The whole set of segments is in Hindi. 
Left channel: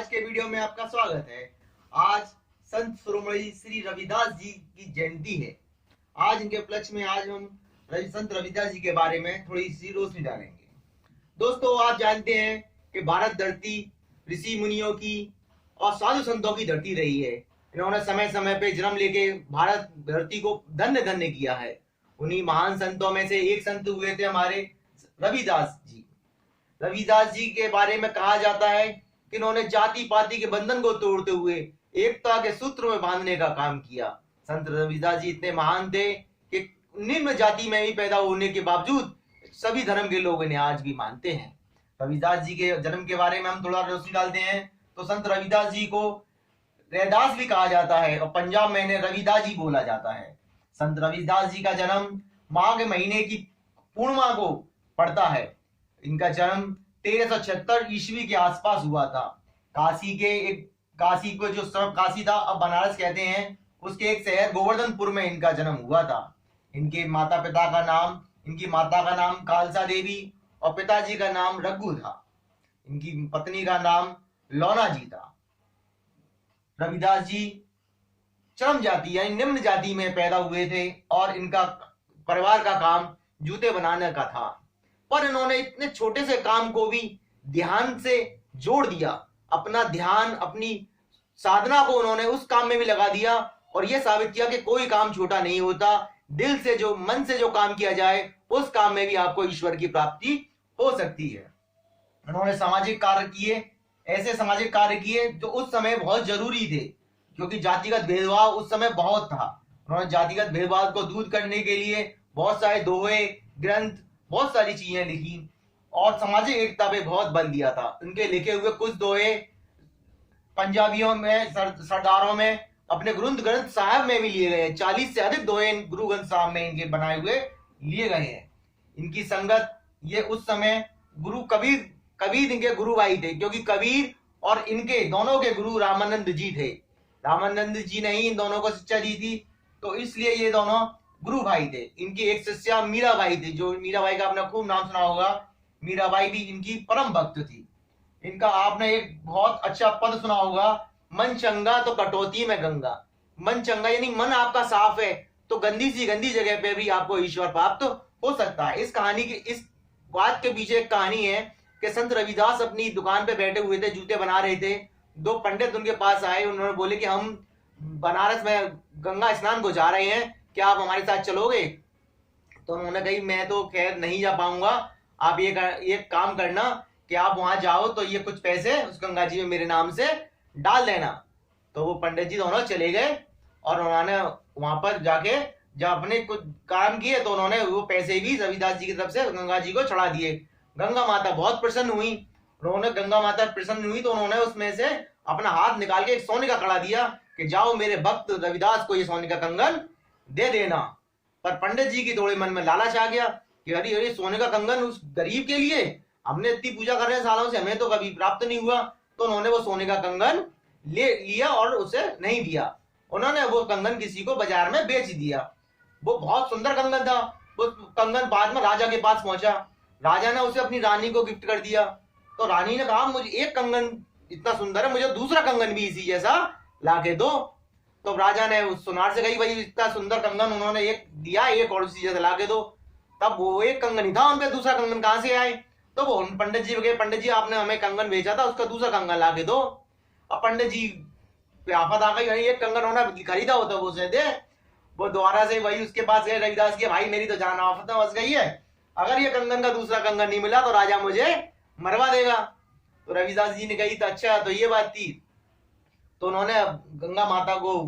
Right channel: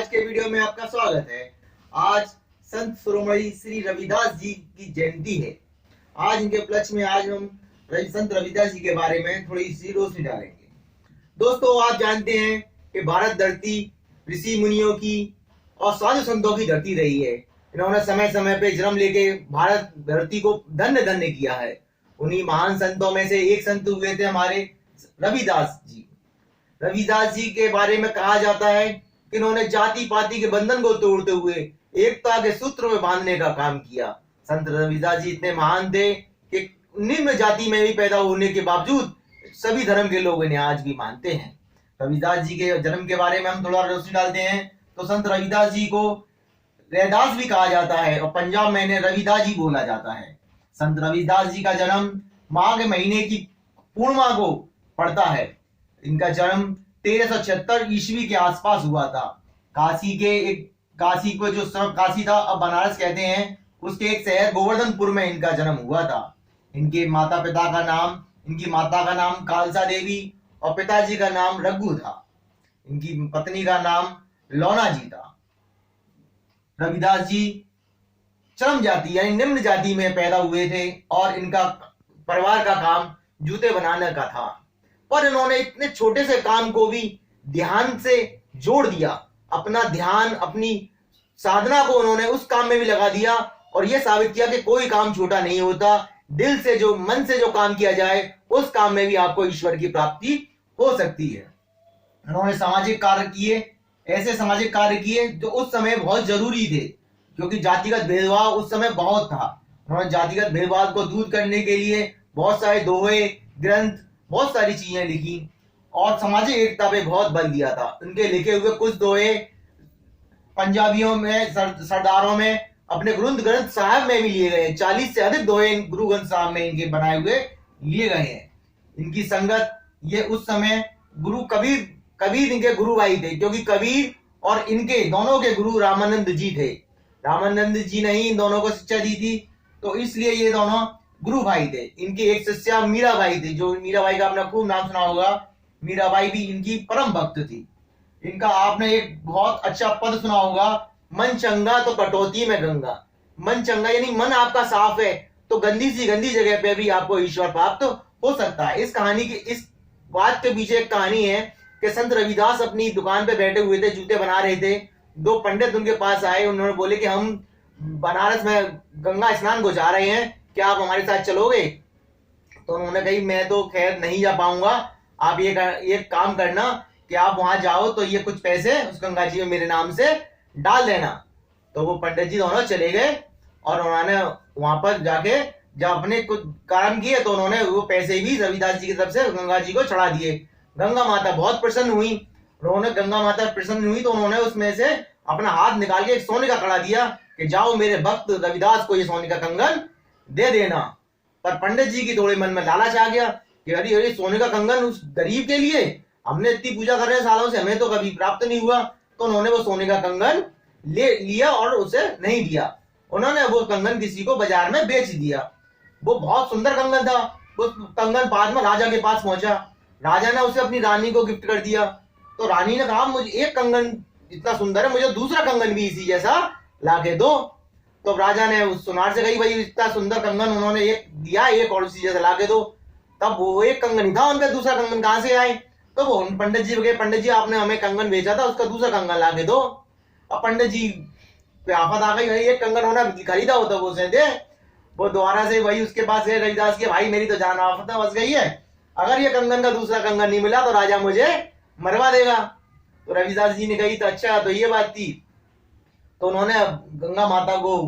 आज के वीडियो में आपका स्वागत है। आज संत शिरोमणि श्री रविदास जी की जयंती है। आज इनके उपलक्ष्य में आज हम संत रविदास जी के बारे में थोड़ी सी रोशनी डालेंगे। दोस्तों, आप जानते हैं कि भारत धरती ऋषि मुनियों की और साधु संतों की धरती रही है। इन्होंने समय समय पे जन्म लेके भारत धरती को धन्य धन्य किया है। उन्हीं महान संतों में से एक संत हुए थे हमारे रविदास जी। रविदास जी के बारे में कहा जाता है कि इन्होंने जाति पाति के बंधन को तोड़ते हुए एकता के सूत्र में बांधने का काम किया। संत रविदास जी इतने महान थे कि निम्न जाति में भी पैदा होने के बावजूद सभी धर्म के लोग इन्हें आज भी मानते हैं। रविदास जी के जन्म के बारे में हम थोड़ा रोशनी डालते हैं तो संत रविदास जी को रैदास भी कहा जाता है और पंजाब में इन्हें रविदास जी बोला जाता है। संत रविदास जी का जन्म माघ महीने की पूर्णिमा को पड़ता है। इनका जन्म 1376 ईस्वी के आसपास हुआ था। काशी को जो काशी था अब बनारस कहते हैं, उसके एक शहर गोवर्धनपुर में इनका जन्म हुआ था। इनकी माता का नाम खालसा देवी और पिताजी का नाम रघु था। इनकी पत्नी का नाम लौना जी था। रविदास जी चरम जाति यानी निम्न जाति में पैदा हुए थे और इनका परिवार का काम जूते बनाने का था, पर इन्होंने इतने छोटे से काम को भी ध्यान से जोड़ दिया। अपना ध्यान, अपनी साधना को उन्होंने उस काम में भी लगा दिया और यह साबित किया कि कोई काम छोटा नहीं होता। दिल से जो, मन से जो काम किया जाए उस काम में भी आपको ईश्वर की प्राप्ति हो सकती है। उन्होंने सामाजिक कार्य किए, ऐसे सामाजिक कार्य किए जो उस समय बहुत जरूरी थे, क्योंकि जातिगत भेदभाव उस समय बहुत था। उन्होंने जातिगत भेदभाव को दूर करने के लिए बहुत सारे दोहे, ग्रंथ, बहुत सारी चीजें लिखी और सामाजिक एकता पे बहुत बल दिया था। उनके लिखे हुए कुछ दोहे पंजाबियों में, सरदारों में, अपने ग्रंथ साहब में भी लिए गए। 40 से अधिक दोहे गुरु ग्रंथ साहब में इनके बनाए हुए लिए गए हैं। इनकी संगत ये उस समय गुरु कबीर इनके गुरु भाई थे, क्योंकि कबीर और इनके दोनों के गुरु रामानंद जी थे। रामानंद जी ने ही इन दोनों को शिक्षा दी थी, तो इसलिए ये दोनों गुरु भाई थे। इनकी एक शिष्या मीराबाई थी, जो मीराबाई का आपने खूब नाम सुना होगा। मीराबाई भी इनकी परम भक्त थी। इनका आपने एक बहुत अच्छा पद सुना होगा, मन चंगा तो कटौती में गंगा। मन चंगा यानी मन आपका साफ है तो गंदी जगह पे भी आपको ईश्वर प्राप्त हो सकता है। इस बात के पीछे एक कहानी है कि संत रविदास अपनी दुकान पे बैठे हुए थे, जूते बना रहे थे। दो पंडित उनके पास आए, उन्होंने बोले कि हम बनारस में गंगा स्नान को जा रहे हैं, क्या आप हमारे साथ चलोगे? तो उन्होंने कही मैं तो खैर नहीं जा पाऊंगा, आप ये काम करना कि आप वहां जाओ तो ये कुछ पैसे उस गंगा जी में मेरे नाम से डाल देना। तो वो पंडित जी दोनों चले गए और उन्होंने वहां पर जाके जब अपने कुछ काम किए तो उन्होंने वो पैसे भी रविदास जी की तरफ से गंगा जी को चढ़ा दिए। गंगा माता बहुत प्रसन्न हुई। तो उन्होंने उसमें से अपना हाथ निकाल के एक सोने का कड़ा दिया कि जाओ मेरे भक्त रविदास को ये सोने का कंगन दे देना। पर पंडित जी की थोड़े मन में लालच आ गया कि अरे सोने का कंगन उस गरीब के लिए, हमने इतनी पूजा कर रहे हैं सालों से, हमें तो कभी प्राप्त नहीं हुआ। तो उन्होंने वो सोने का कंगन ले लिया और उसे नहीं दिया। उन्होंने वो कंगन किसी को बाजार में बेच दिया। वो बहुत सुंदर कंगन था। वो कंगन बाद में राजा के पास पहुंचा। राजा ने उसे अपनी रानी को गिफ्ट कर दिया। तो रानी ने कहा मुझे एक कंगन इतना सुंदर है, मुझे दूसरा कंगन भी इसी जैसा ला के दो। तो राजा ने उस सुनार से कही भाई इतना सुंदर कंगन उन्होंने एक दिया, एक और उसी जैसा ला के दो। तब वो एक कंगन ही था उनका, दूसरा कंगन कहां से आए? तो वो पंडित जी गए, पंडित जी आपने हमें कंगन बेचा था, उसका दूसरा कंगन ला के दो। अब पंडित जी पे आफत आ गई, भाई एक कंगन होना खरीदा होता वो से दे। वो दोबारा से वही उसके पास गए रविदास के, भाई मेरी तो जान आफत में फंस गई है, अगर ये कंगन का दूसरा कंगन नहीं मिला तो राजा मुझे मरवा देगा। तो रविदास जी ने कही तो अच्छा तो ये बात थी। तो उन्होंने गंगा माता को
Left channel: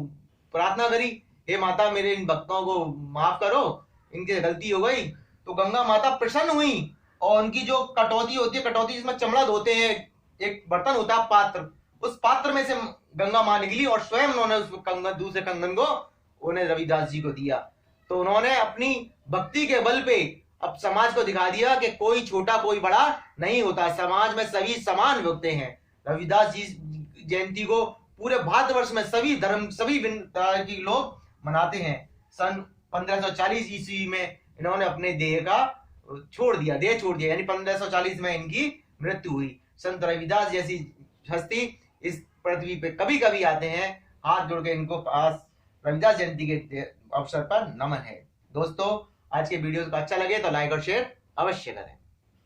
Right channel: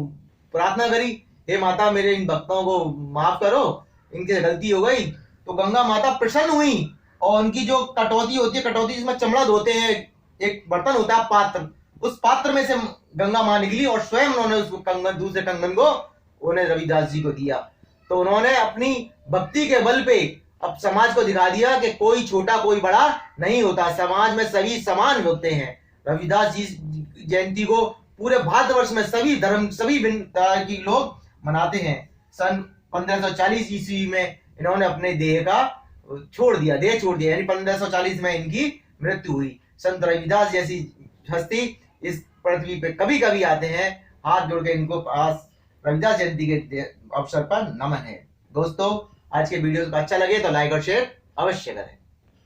प्रार्थना करी, हे माता मेरे इन भक्तों को माफ करो, इनकी गलती हो गई। तो गंगा माता प्रसन्न हुई और उनकी जो कटौती होती है, कटौती जिसमें चमड़ा धोते हैं, एक बर्तन होता है पात्र, उस पात्र में से गंगा मां निकली और स्वयं उन्होंने उस कंगन, दूसरे कंगन को उन्हें रविदास जी को दिया। तो उन्होंने अपनी भक्ति के बल पे अब समाज को दिखा दिया कि कोई छोटा कोई बड़ा नहीं होता, समाज में सभी समान होते हैं। रविदास जी जयंती को पूरे भारतवर्ष में सभी धर्म, सभी तरह के लोग मनाते हैं। सन 1540 ईस्वी में इन्होंने अपने देह छोड़ दिया, यानी 1540 में इनकी मृत्यु हुई। संत रविदास जैसी हस्ती इस पृथ्वी पे कभी कभी आते हैं, हाथ जोड़ के इनको पास रविदास जयंती के अवसर पर नमन है। दोस्तों, आज के वीडियो अच्छा लगे तो लाइक और शेयर अवश्य करें।